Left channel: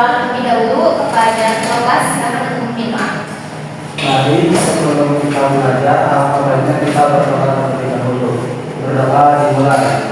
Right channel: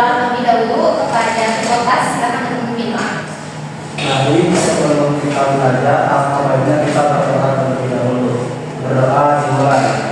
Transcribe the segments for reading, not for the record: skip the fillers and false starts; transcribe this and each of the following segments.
berdoa terlebih dahulu kepada kelas karena mungkin maaf. Mari sebelum kita belajar, apa baiknya kita berdoa terlebih dahulu. Berdoa dimulai.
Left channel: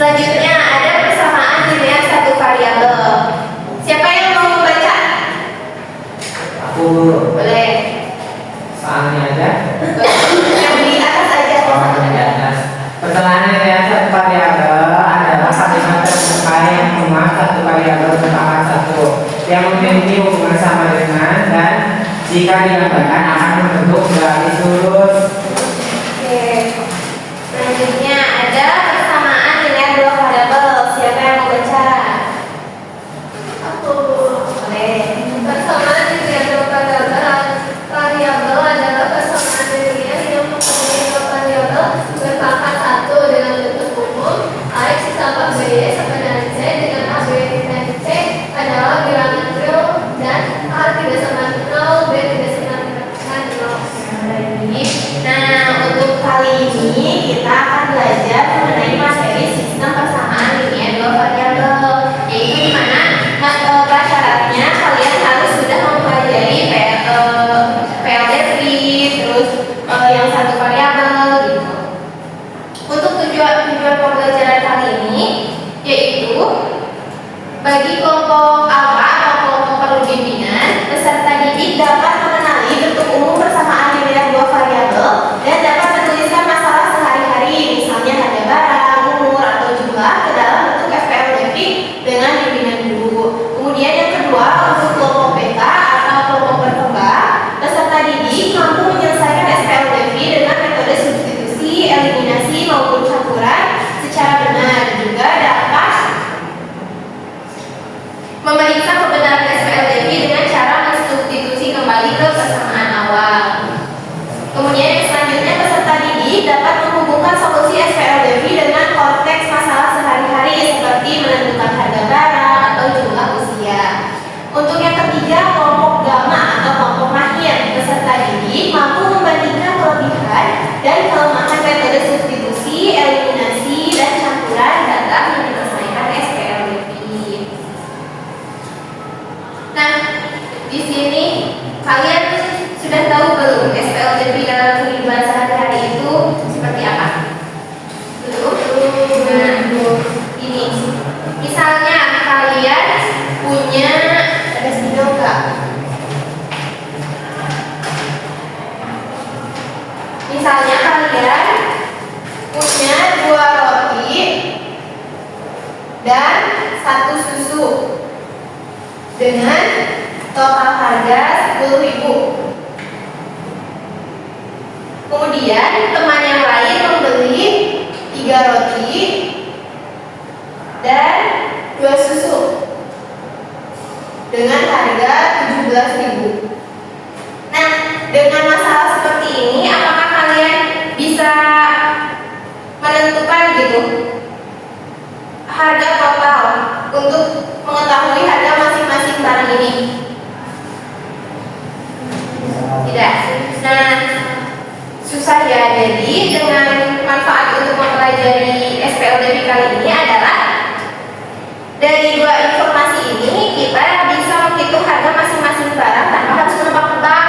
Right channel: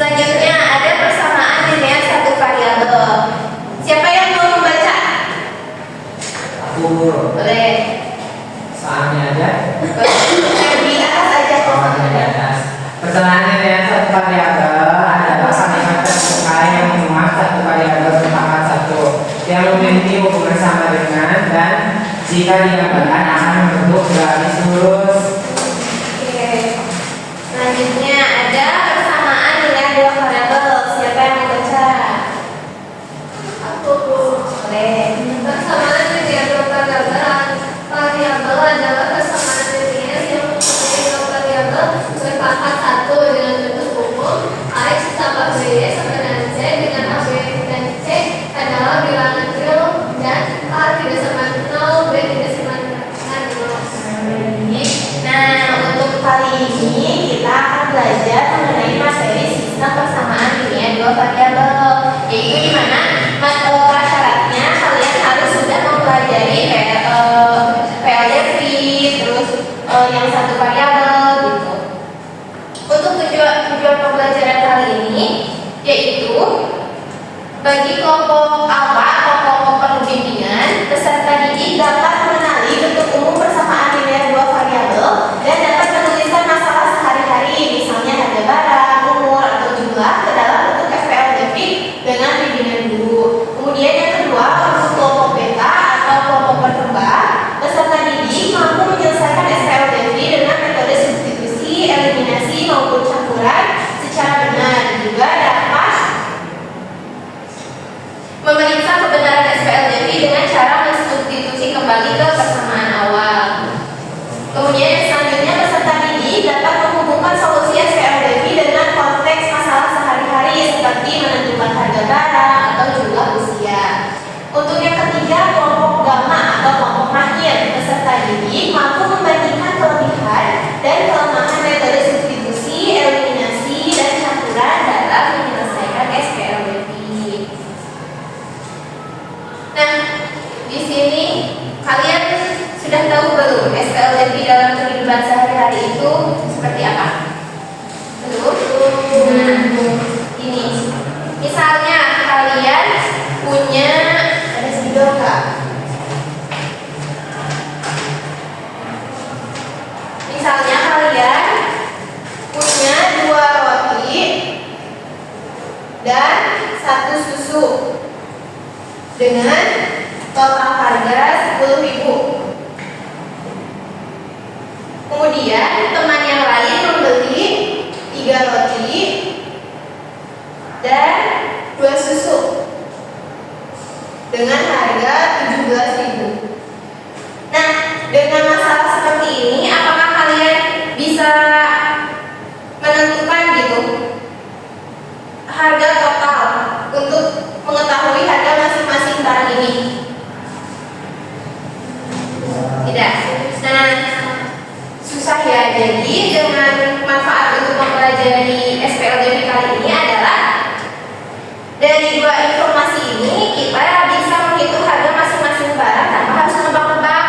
Selanjutnya ada persamaan dengan satu variabel. Siapa yang mau membaca? Aku Boleh. soalnya aja. Yang di atas aja. Di atas. Persamaannya dengan satu variabel adalah kalimat terbuka yang cuma satu variabel merupakan satu yang memiliki hubungan sama dengan dan jika digambarkan akan membentuk garis lurus. Oke. Selanjutnya ada persamaan dengan dua variabel. Siapa yang mau membaca? Aku. Boleh. Persamaan dengan variabel adalah persamaan linear yang mempunyai dua variabel pangkat 1 dengan bentuk umum X ditambah B sama dengan C dengan AB dan C adalah bilangan real dan A tidak sama dengan 0, B tidak sama dengan 0. Nah, untuk kali ini kita akan belajar mengenai materi sistem persamaan linear dua variabel, yaitu di mana prasyaratnya kalian harus sudah mempelajari PLDV, terus yang satu variabel gitu. Untuk tujuan pembelajaran kali ini yaitu bagi kelompok alfa atau kelompok perlu bimbingan, peserta didik dapat mengenali bentuk umum persamaan linear dua variabel dan dapat menuliskan masalah sehari-hari, misalnya harga barang, umur, atau jumlah ke dalam bentuk SPLDV dengan bimbingan guru. Kemudian yang kedua, untuk kelompok beta atau kelompok berkembang, peserta didik mampu menyelesaikan SPLDV dengan metode substitusi, eliminasi, maupun campuran secara benar. Juga dapat memeriksa kebenaran SPLDV dengan cara mensubstitusi kembali ke persamaan awal. Kemudian yang selanjutnya, peserta didik dapat menghubungkan solusi SPLDV dengan konteks masalah sehari-hari seperti menentukan harga barang atau jumlah usia. Untuk yang ketiga, kelompok gamma atau kelompok mahir, peserta didik mampu membandingkan kelebihan dan kelemahan metode substitusi, eliminasi, dan campuran dalam menyelesaikan SPLDV. Nah, di sini kalian sudah tahu belum SPLDV dalam kehidupan sehari-hari itu seperti apa? Belum? Nah, ini. Misalnya kalian punya ada spidol nggak? Misalnya kalian punya 2 roti dan 1 susu dengan total harga 10.000. Kemudian teman yang lain membeli 3 roti dan 2 susu dengan harga 17.000. Nah, dengan masalah seperti ini, apakah kalian bisa menentukan gitu harga total untuk mengetahui harga masing-masing barang ini? Tidak. Nah, susah ya. Jadi dengan manfaat untuk mempelajari SPLDV kali ini adalah dari 2 informasi ini kita bisa menghitung harga masing-masing barang tanpa harus menebak-nebak.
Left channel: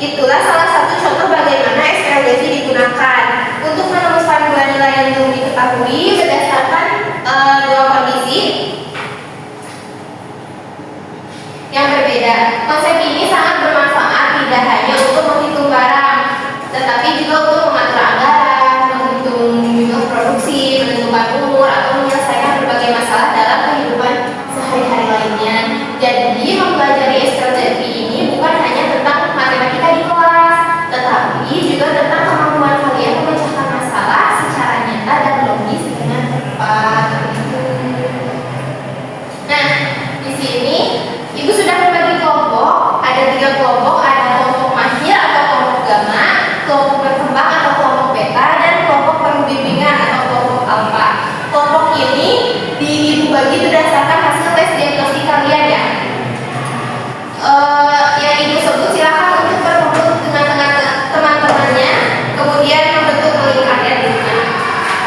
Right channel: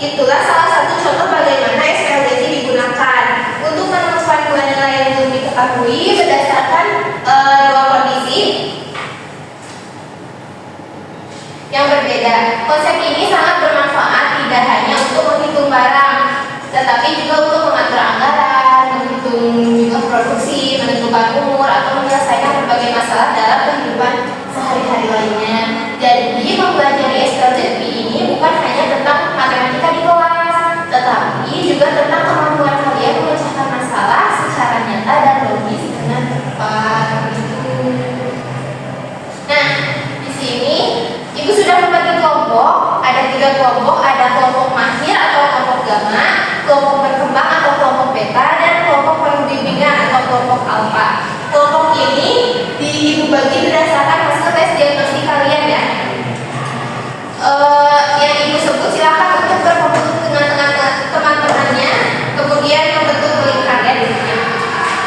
Itulah salah satu contoh bagaimana SPLDV digunakan untuk menemukan 2 nilai yang belum diketahui berdasarkan 2 kondisi yang berbeda. Konsep ini sangat bermanfaat tidak hanya untuk menghitung barang, tetapi juga untuk mengatur anggaran, menghitung juga produksi, menentukan umur, atau menyelesaikan berbagai masalah dalam kehidupan sehari-hari lainnya. Jadi mempelajari SPLDV ini bukan hanya tentang matematika di kelas, tetapi juga tentang kemampuan kalian memecahkan masalah secara nyata dan logis dengan tepat. Nah, di sini Ibu sudah membagi kelompok, ada 3 kelompok, ada kelompok mahir atau kelompok gamma, kelompok berkembang atau kelompok beta, dan kelompok perlu bimbingan atau kelompok alfa. Kelompok ini Ibu bagi berdasarkan hasil tes diagnostik kalian ya. Yang Ibu sebut silakan untuk berkumpul dengan teman-temannya, kemudian membentuk lingkaran juga.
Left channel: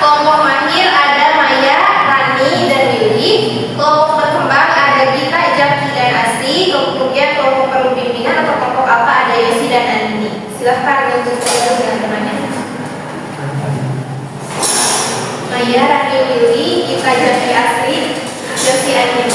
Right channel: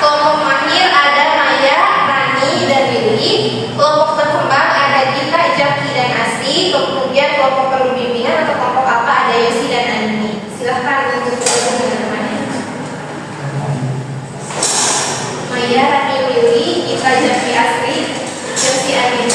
Kelompok mahir ada Maya, Rani, dan Lili. Kelompok berkembang ada Gita, Jaki, dan Asri. Kemudian kelompok perlu bimbingan atau kelompok alfa ada Yosi dan Andi. Silahkan untuk berkumpul dengan temannya. Maya, Rani, Lili, Gita, Jaki, Asri, Yosi, Andi.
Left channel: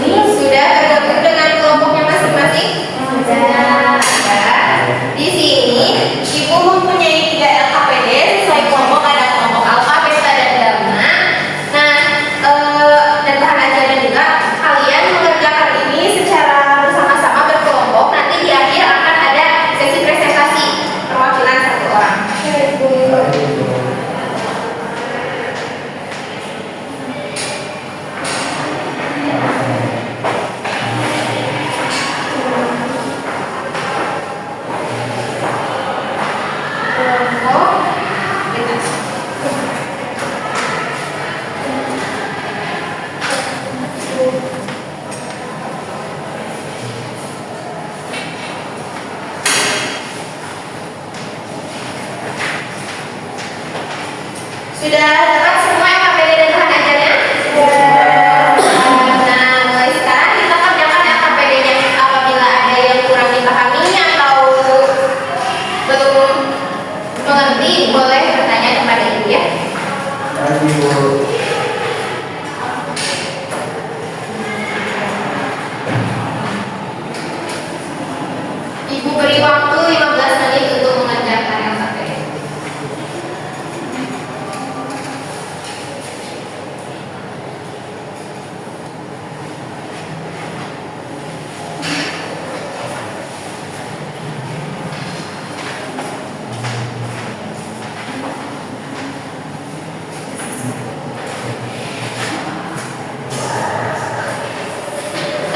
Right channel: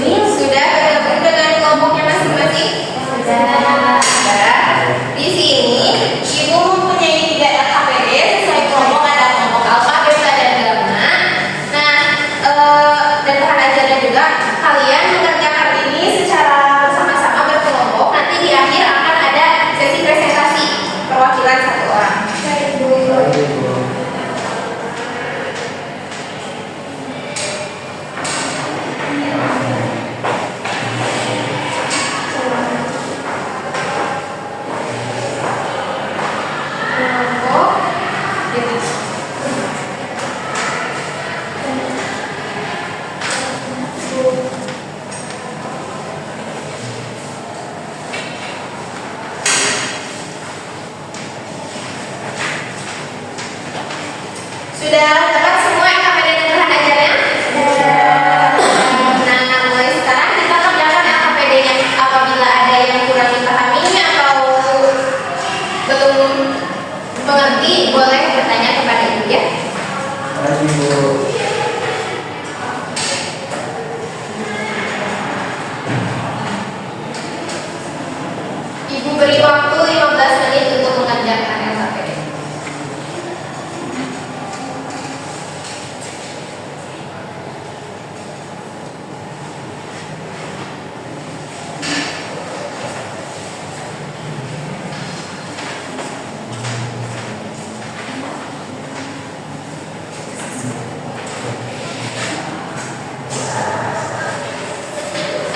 Ini sudah bergabung dengan kelompoknya masing-masing? Sudah. Di sini Ibu mempunyai 3 LKPD sesuai kelompok, ada kelompok alfa, beta, dan gamma. Nah, dan bahan ajaran juga kalian mengerjakan Ibu beri waktu 15 menit untuk mengerjakan alfabet.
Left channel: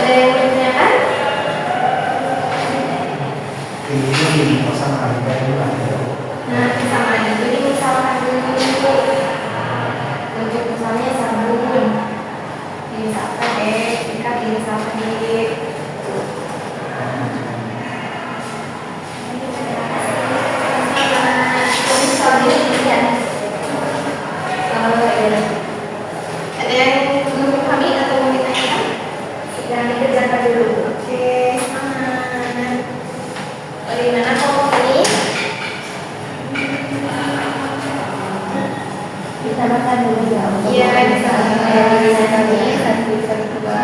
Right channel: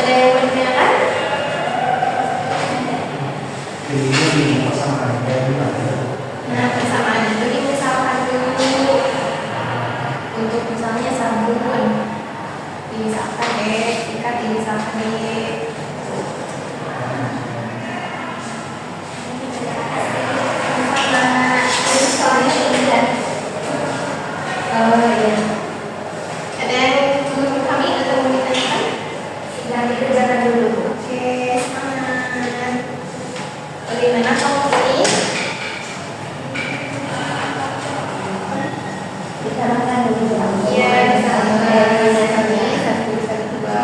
Ada yang bertanyakan? Ini sama kayak gimana? Nah, kesamaan itu dimisalkan dulu. Untuk misalnya sambungan, dimisalkan ikat dimisalkan sama. Terus kalau ini tidak. Oh iya. Ada yang menurut kami atau mau ditanyakan? Sedang dikerjakan dulu. Oke, semangat. Bagaimana kamu ini? Ditambahkan dulu ya. Iya, bisa kami satu satu dua.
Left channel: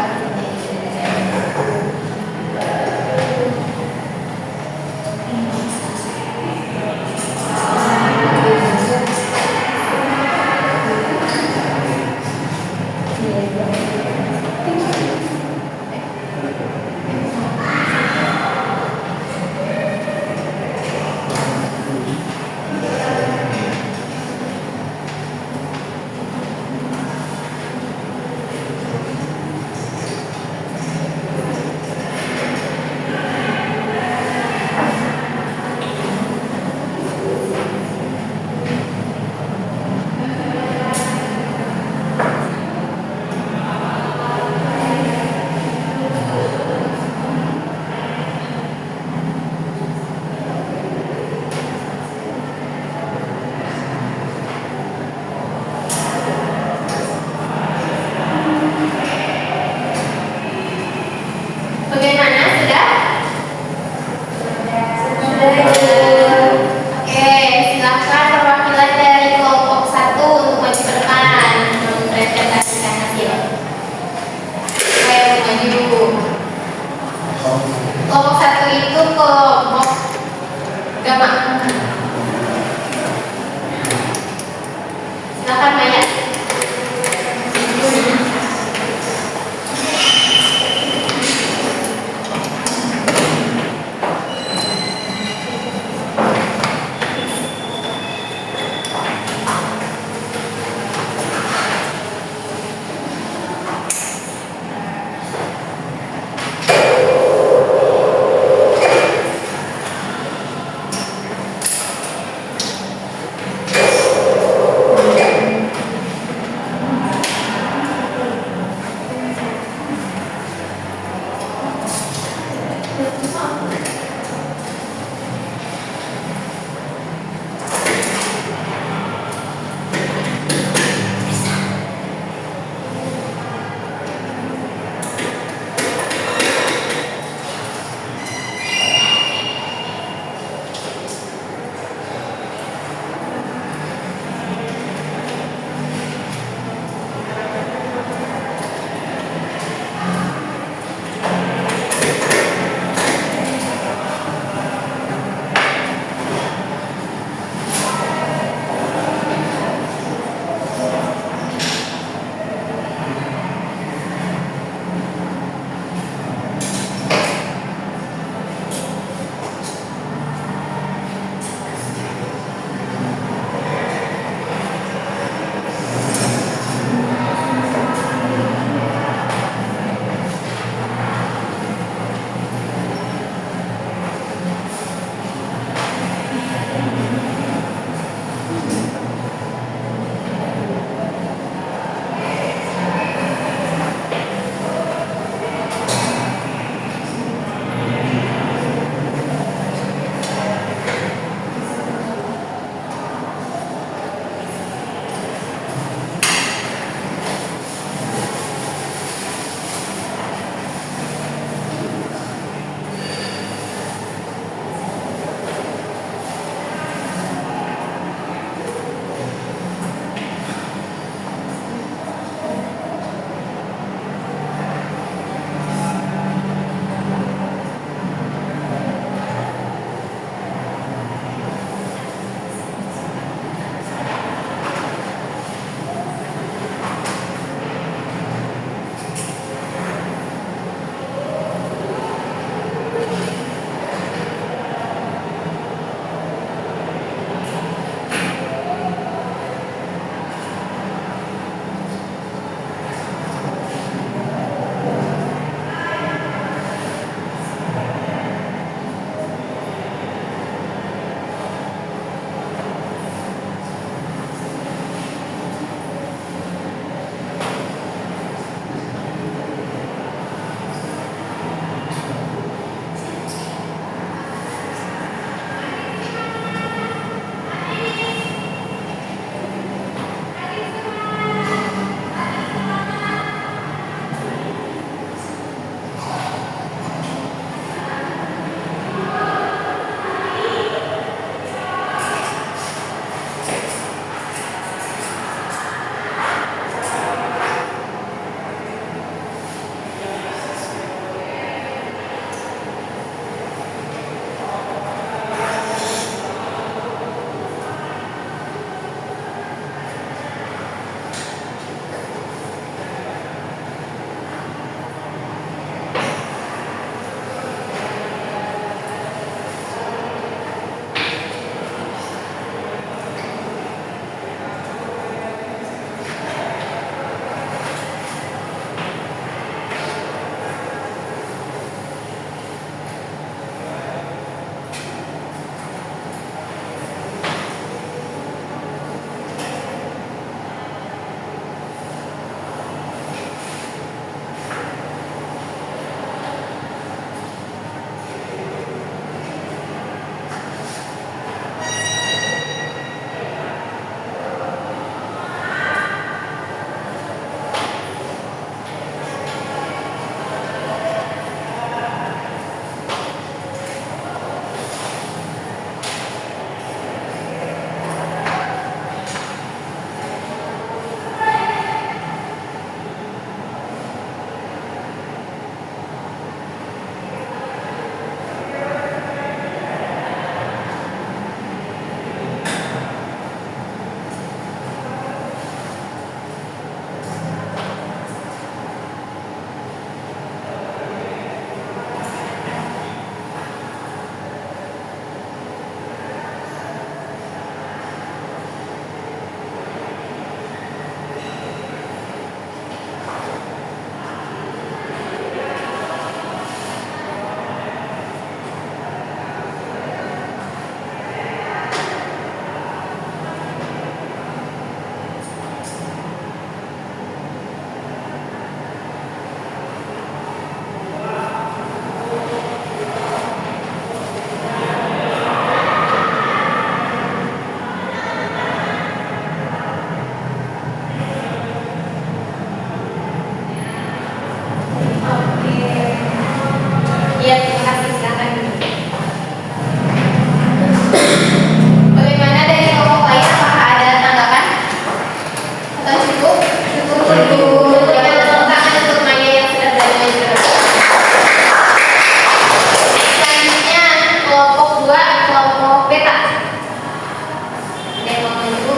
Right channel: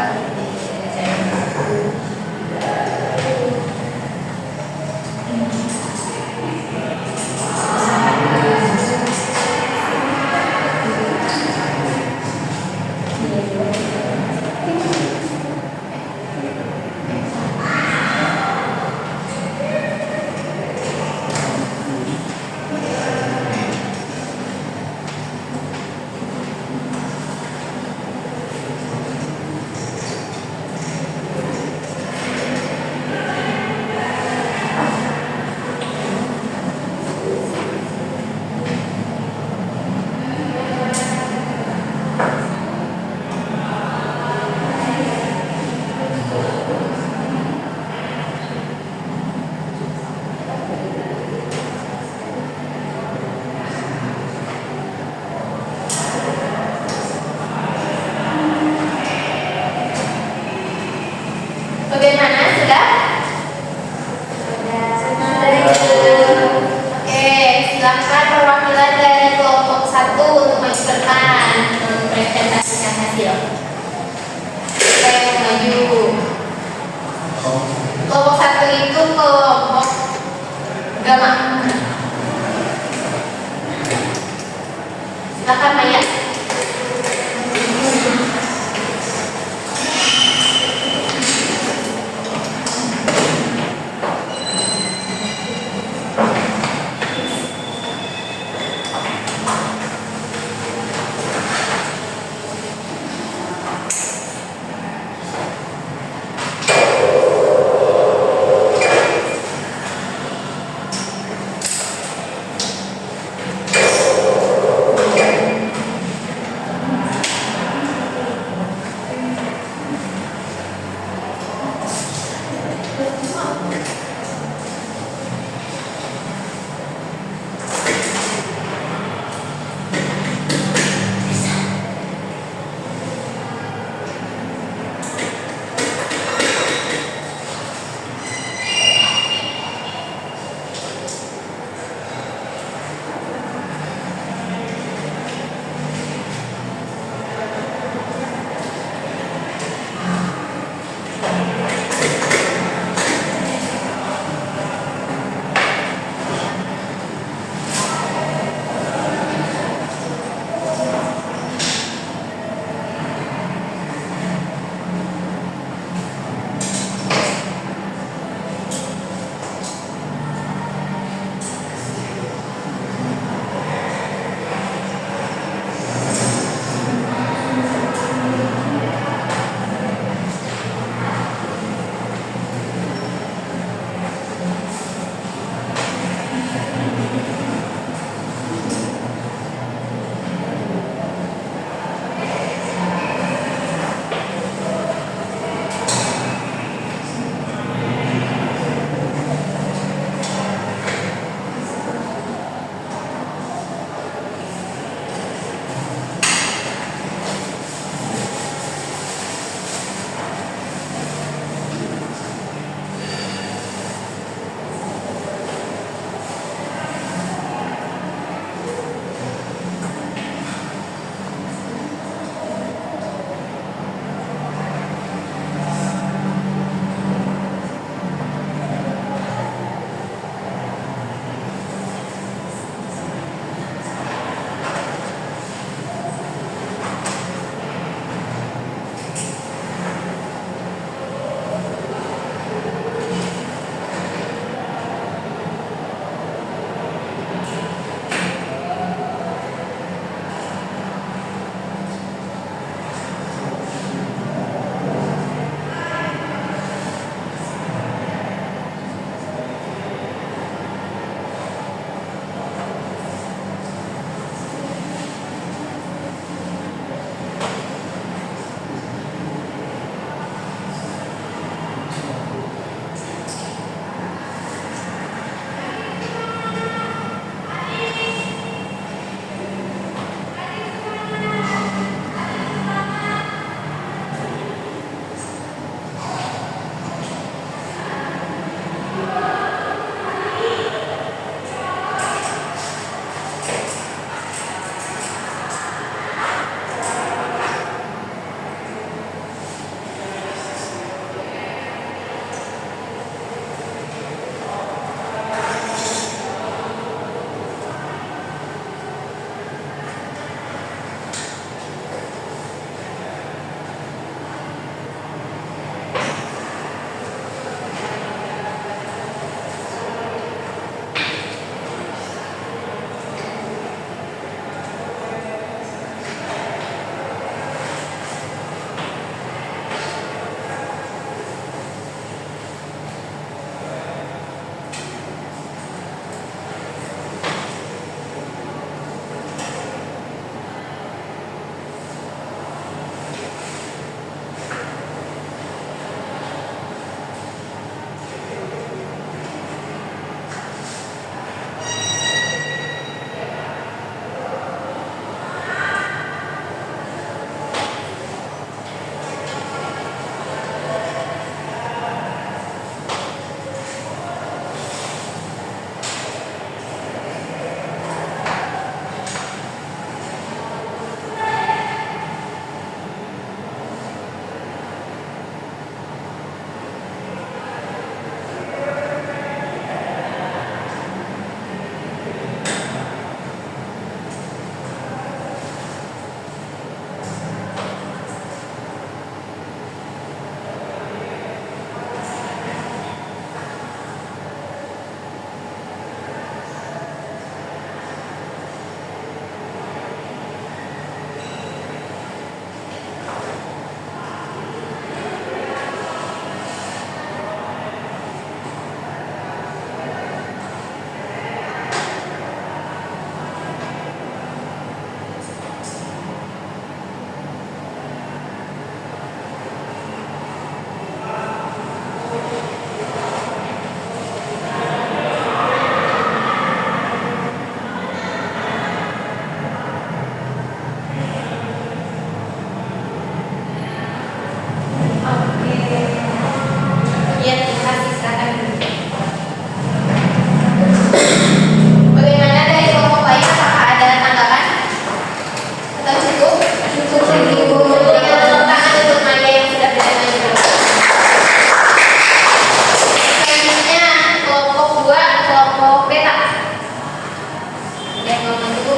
Ya, terima kasih. Silakan duduk. Bagaimana dari kelompok lain? Apakah ada tanggapan? Atau cukup? Cukup. Berikan tepuk tangan untuk Maya yang sudah berada di dalam. Selanjutnya kelompok 2, kelompok beta. Ada yang mau maju?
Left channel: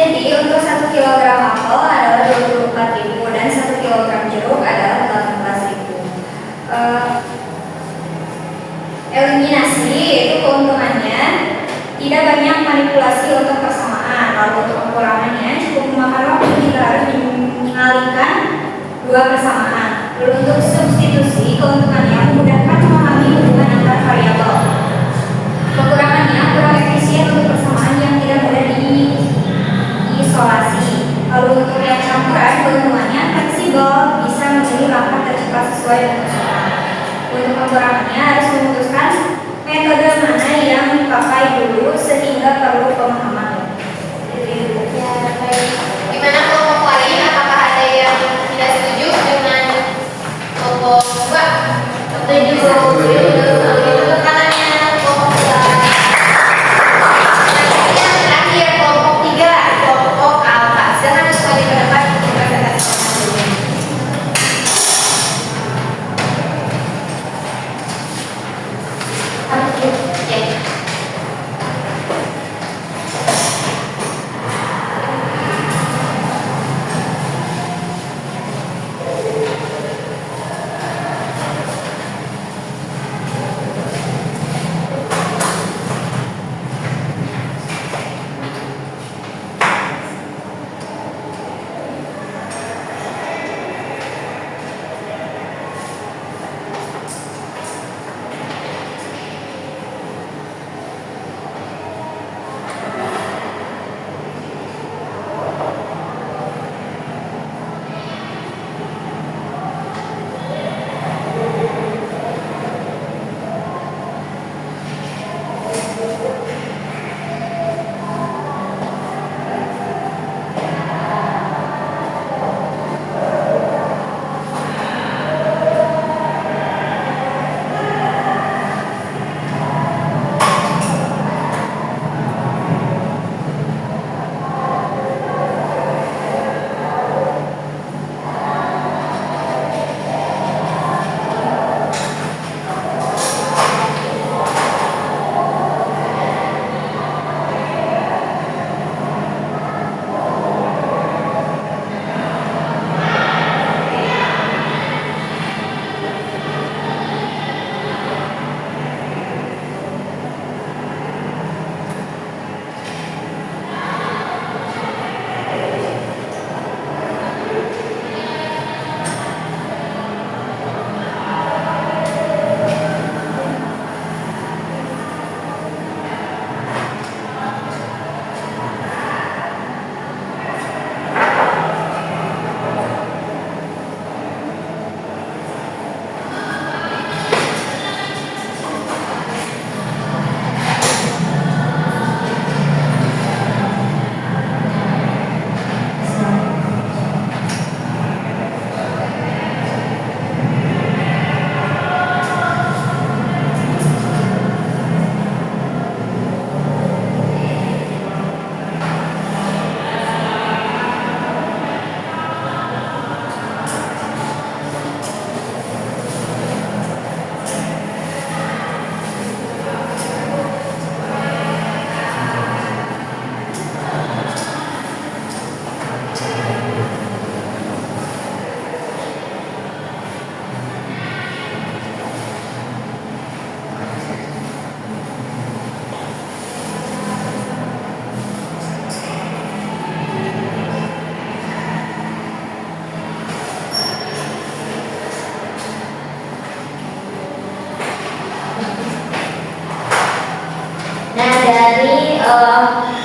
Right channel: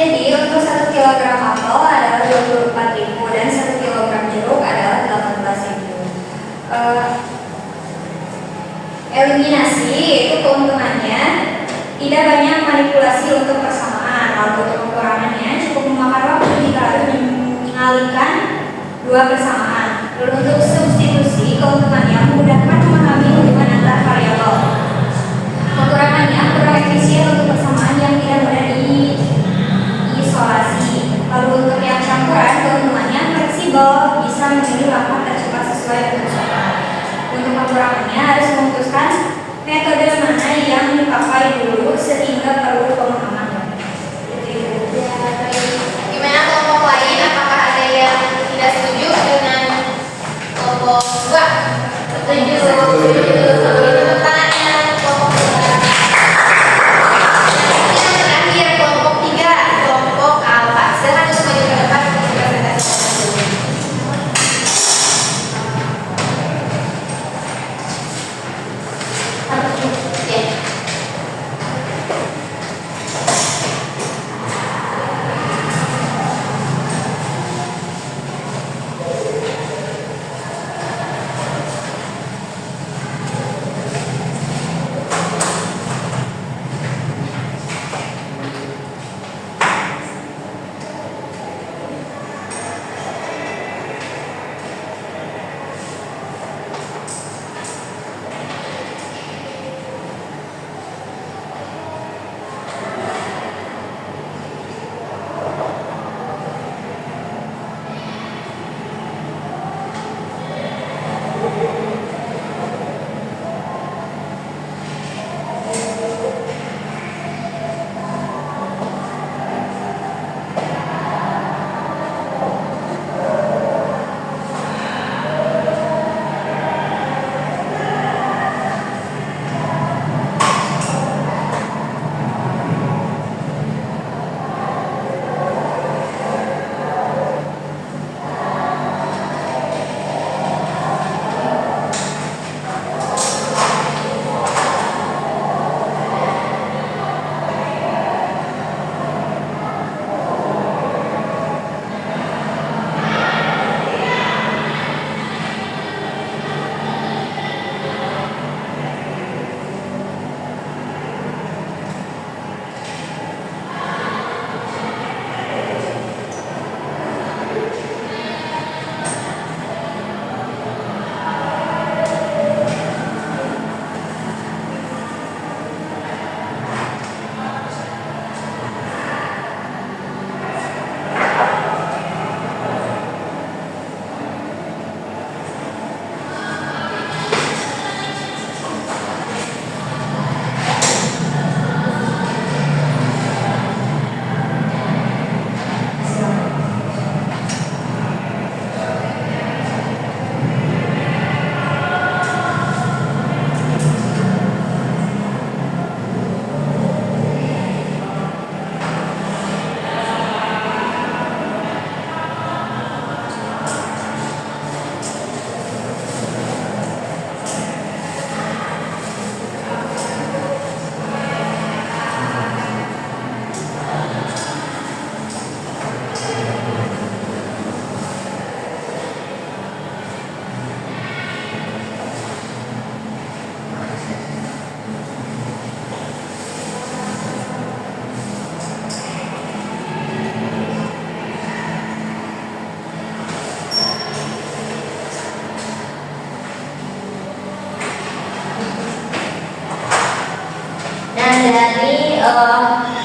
Jadi untuk 1 kilogram apel adalah 24.000 dan 1 kilogram jeruk adalah 18.000. Eliminasi manipulasi untuk persamaan. Lalu untuk pengurangannya cukup memakan waktu jika harus mengalihkan dua persamaan. Lalu untuk substitusi, keuntungannya memudahkan memahami hubungan antar variabel. Kekurangannya kurang efisien untuk persamaan yang tidak mudah diisolasi. Lalu untuk yang campuran, keuntungannya fleksibel, bisa memilih langkah tercepat sesuai dengan persoalan. Untuk kekurangannya harus memutuskan metode mana yang dipakai dulu sehingga perlu pemahaman. Ya, baik. Gimana kelompok lain? Apakah ada yang tidak setuju dengan kelompok 2? Setuju. Tepuk tangannya kelompok 2. Yang terakhir kelompok 3, kelompok alfa. Silakan untuk maju ke depan untuk presentasi dulu. Oke.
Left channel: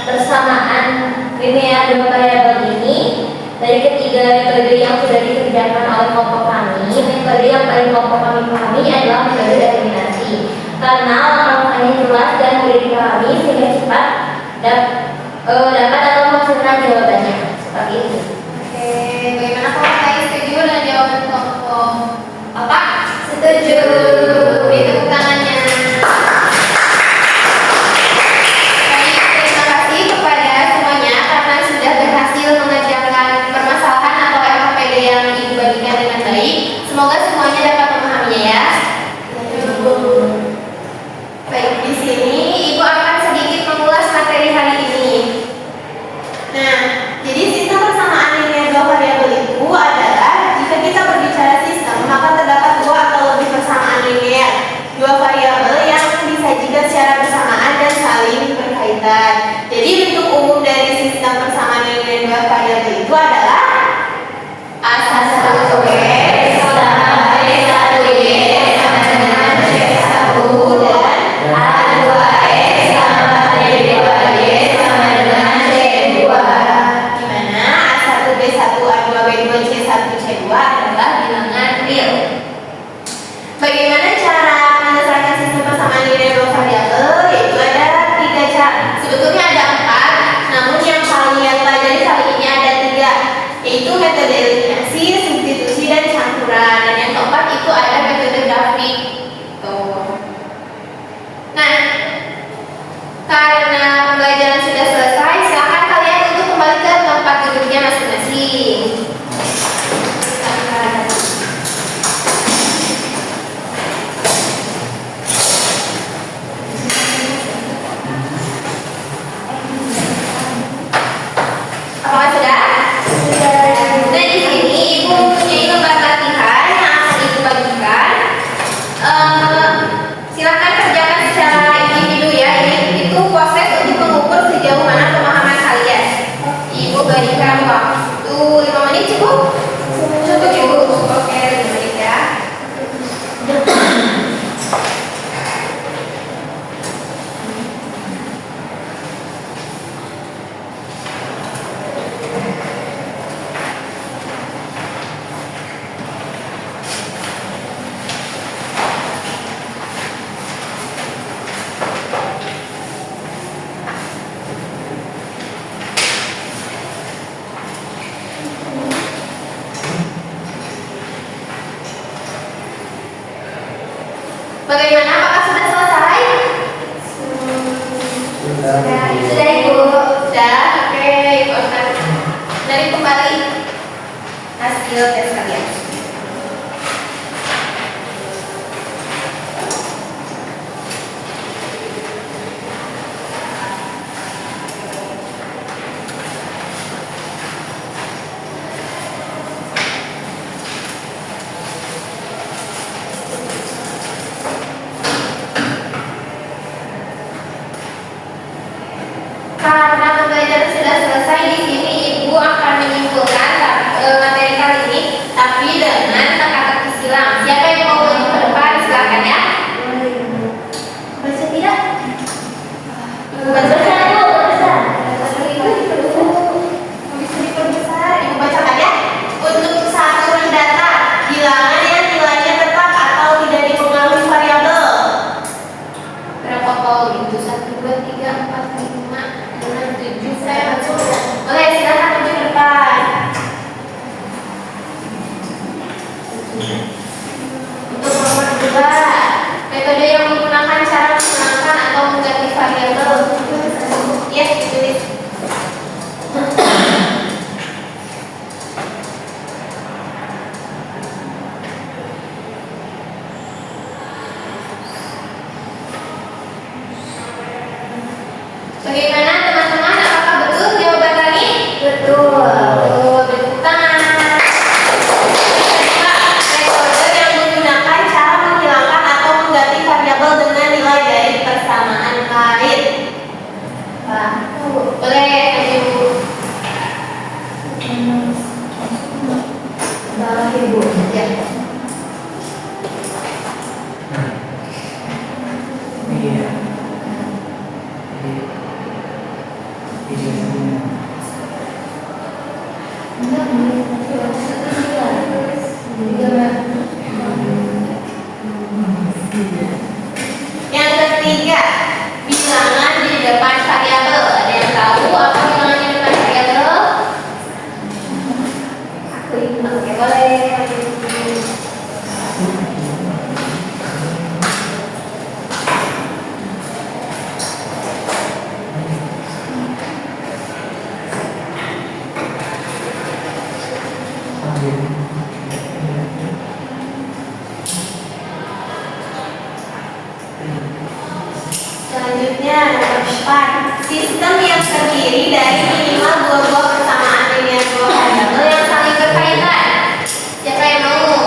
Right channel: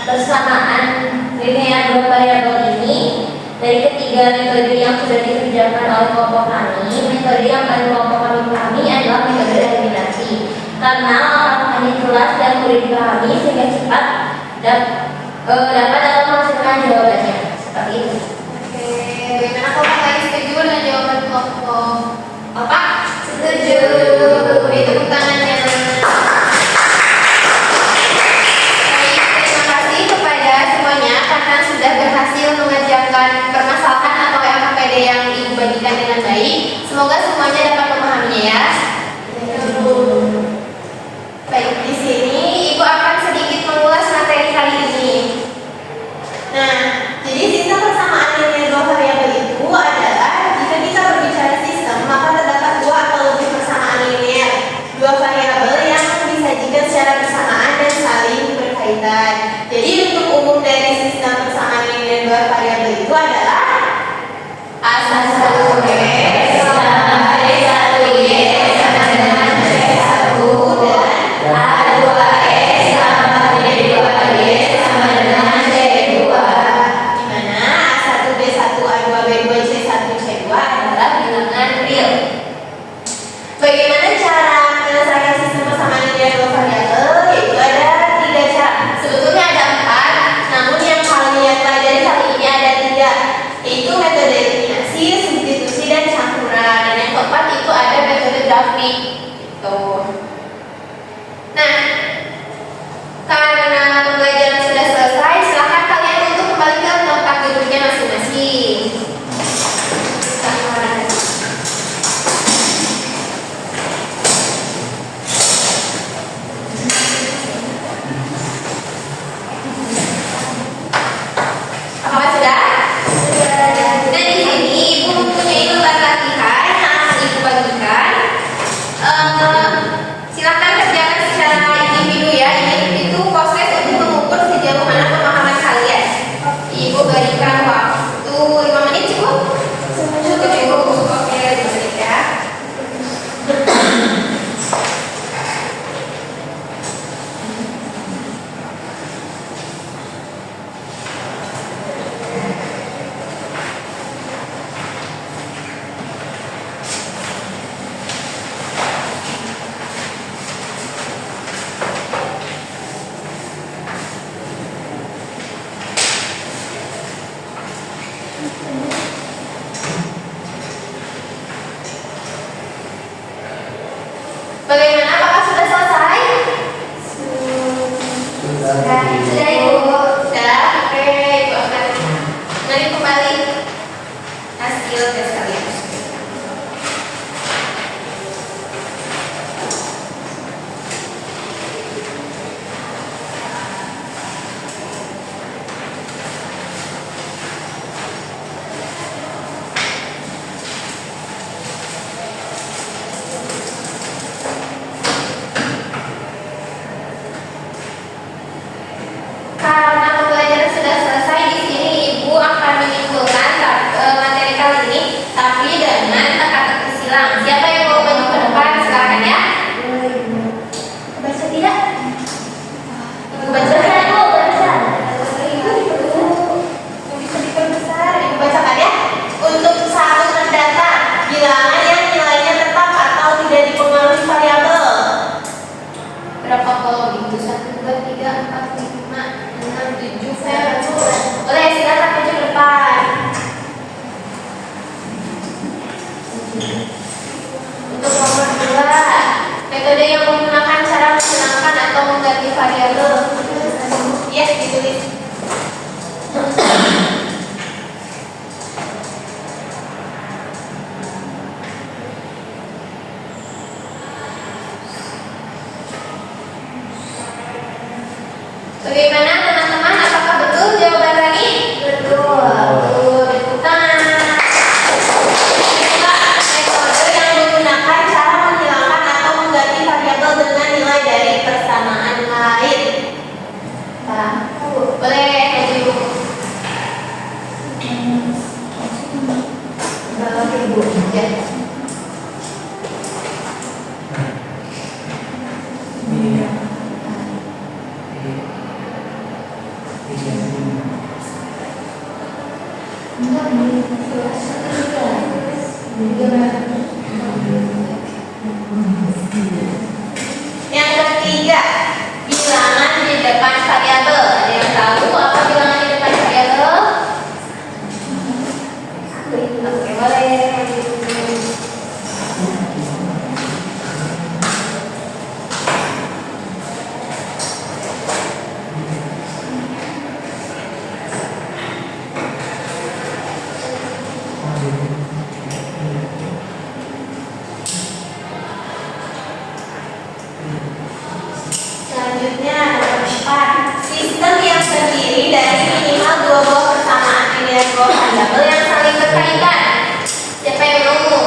persamaan linear dua variabel ini dari ketiga metode yang sudah dikerjakan oleh kelompok kami, metode yang paling kelompok kami pahami adalah metode eliminasi karena langkah-langkahnya jelas dan mudah dipahami sehingga cepat dapat menghasilkan jawabannya seperti itu. Oke, bagaimana kalau kalian setuju dengan jawaban kelompok apa? Setuju. Beri tepuk tangannya. Baik, terima kasih kepada semuanya karena sudah berhasil mengerjakan permasalahan atau LKPD yang Ibu bagikan dengan baik. Semoga semuanya dapat memahaminya ya. Baik, di sini Ibu akan sedikit mengulas materi kali ini. Nah, jadi sistem persamaan linear dua variabel itu adalah jika kita berbicara sistem, maka terdapat dua atau lebih persamaan linear dua variabel yang disajikan secara bersamaan dan saling berkaitan. sudah selesai di sini. Ibu akan menyimpulkan materi kali ini, tapi dengan teka-teki silang. Siapa yang mau maju ke depan? Silakan ya. Baca tidak? Baca Ibu, baca. Bisa diperbesar. Ibu bacakan ya. Untuk satu mendatang, bilangan yang nilainya tetap atau tidak dipengaruhi variabel. Berapa kali itu? 1, 2, 3, 4, 5, 6, 7, 10. Boleh, silakan maju ke depan. Untuk nomor 2, metode yang menggunakan cara menghilangkan atau mengganti variabel. Ya, ditulis. Bagaimana teman-teman? Apakah betul jawaban tadi? Betul. Beri tangan. Metode yang menggunakan cara menghilangkan atau mengganti variabel dengan nilai dari persamaan lain. Boleh maju. Ibu. Ya. Iya. Yang ketiga, bilangan di depan variabel. Ada yang tahu apa bilangan di depan variabel? Oke, boleh. Selanjutnya nomor 4, sistem yang terdiri dari minimal 2 buah persamaan linear dua variabel yang saling berkaitan. Siapa yang mau?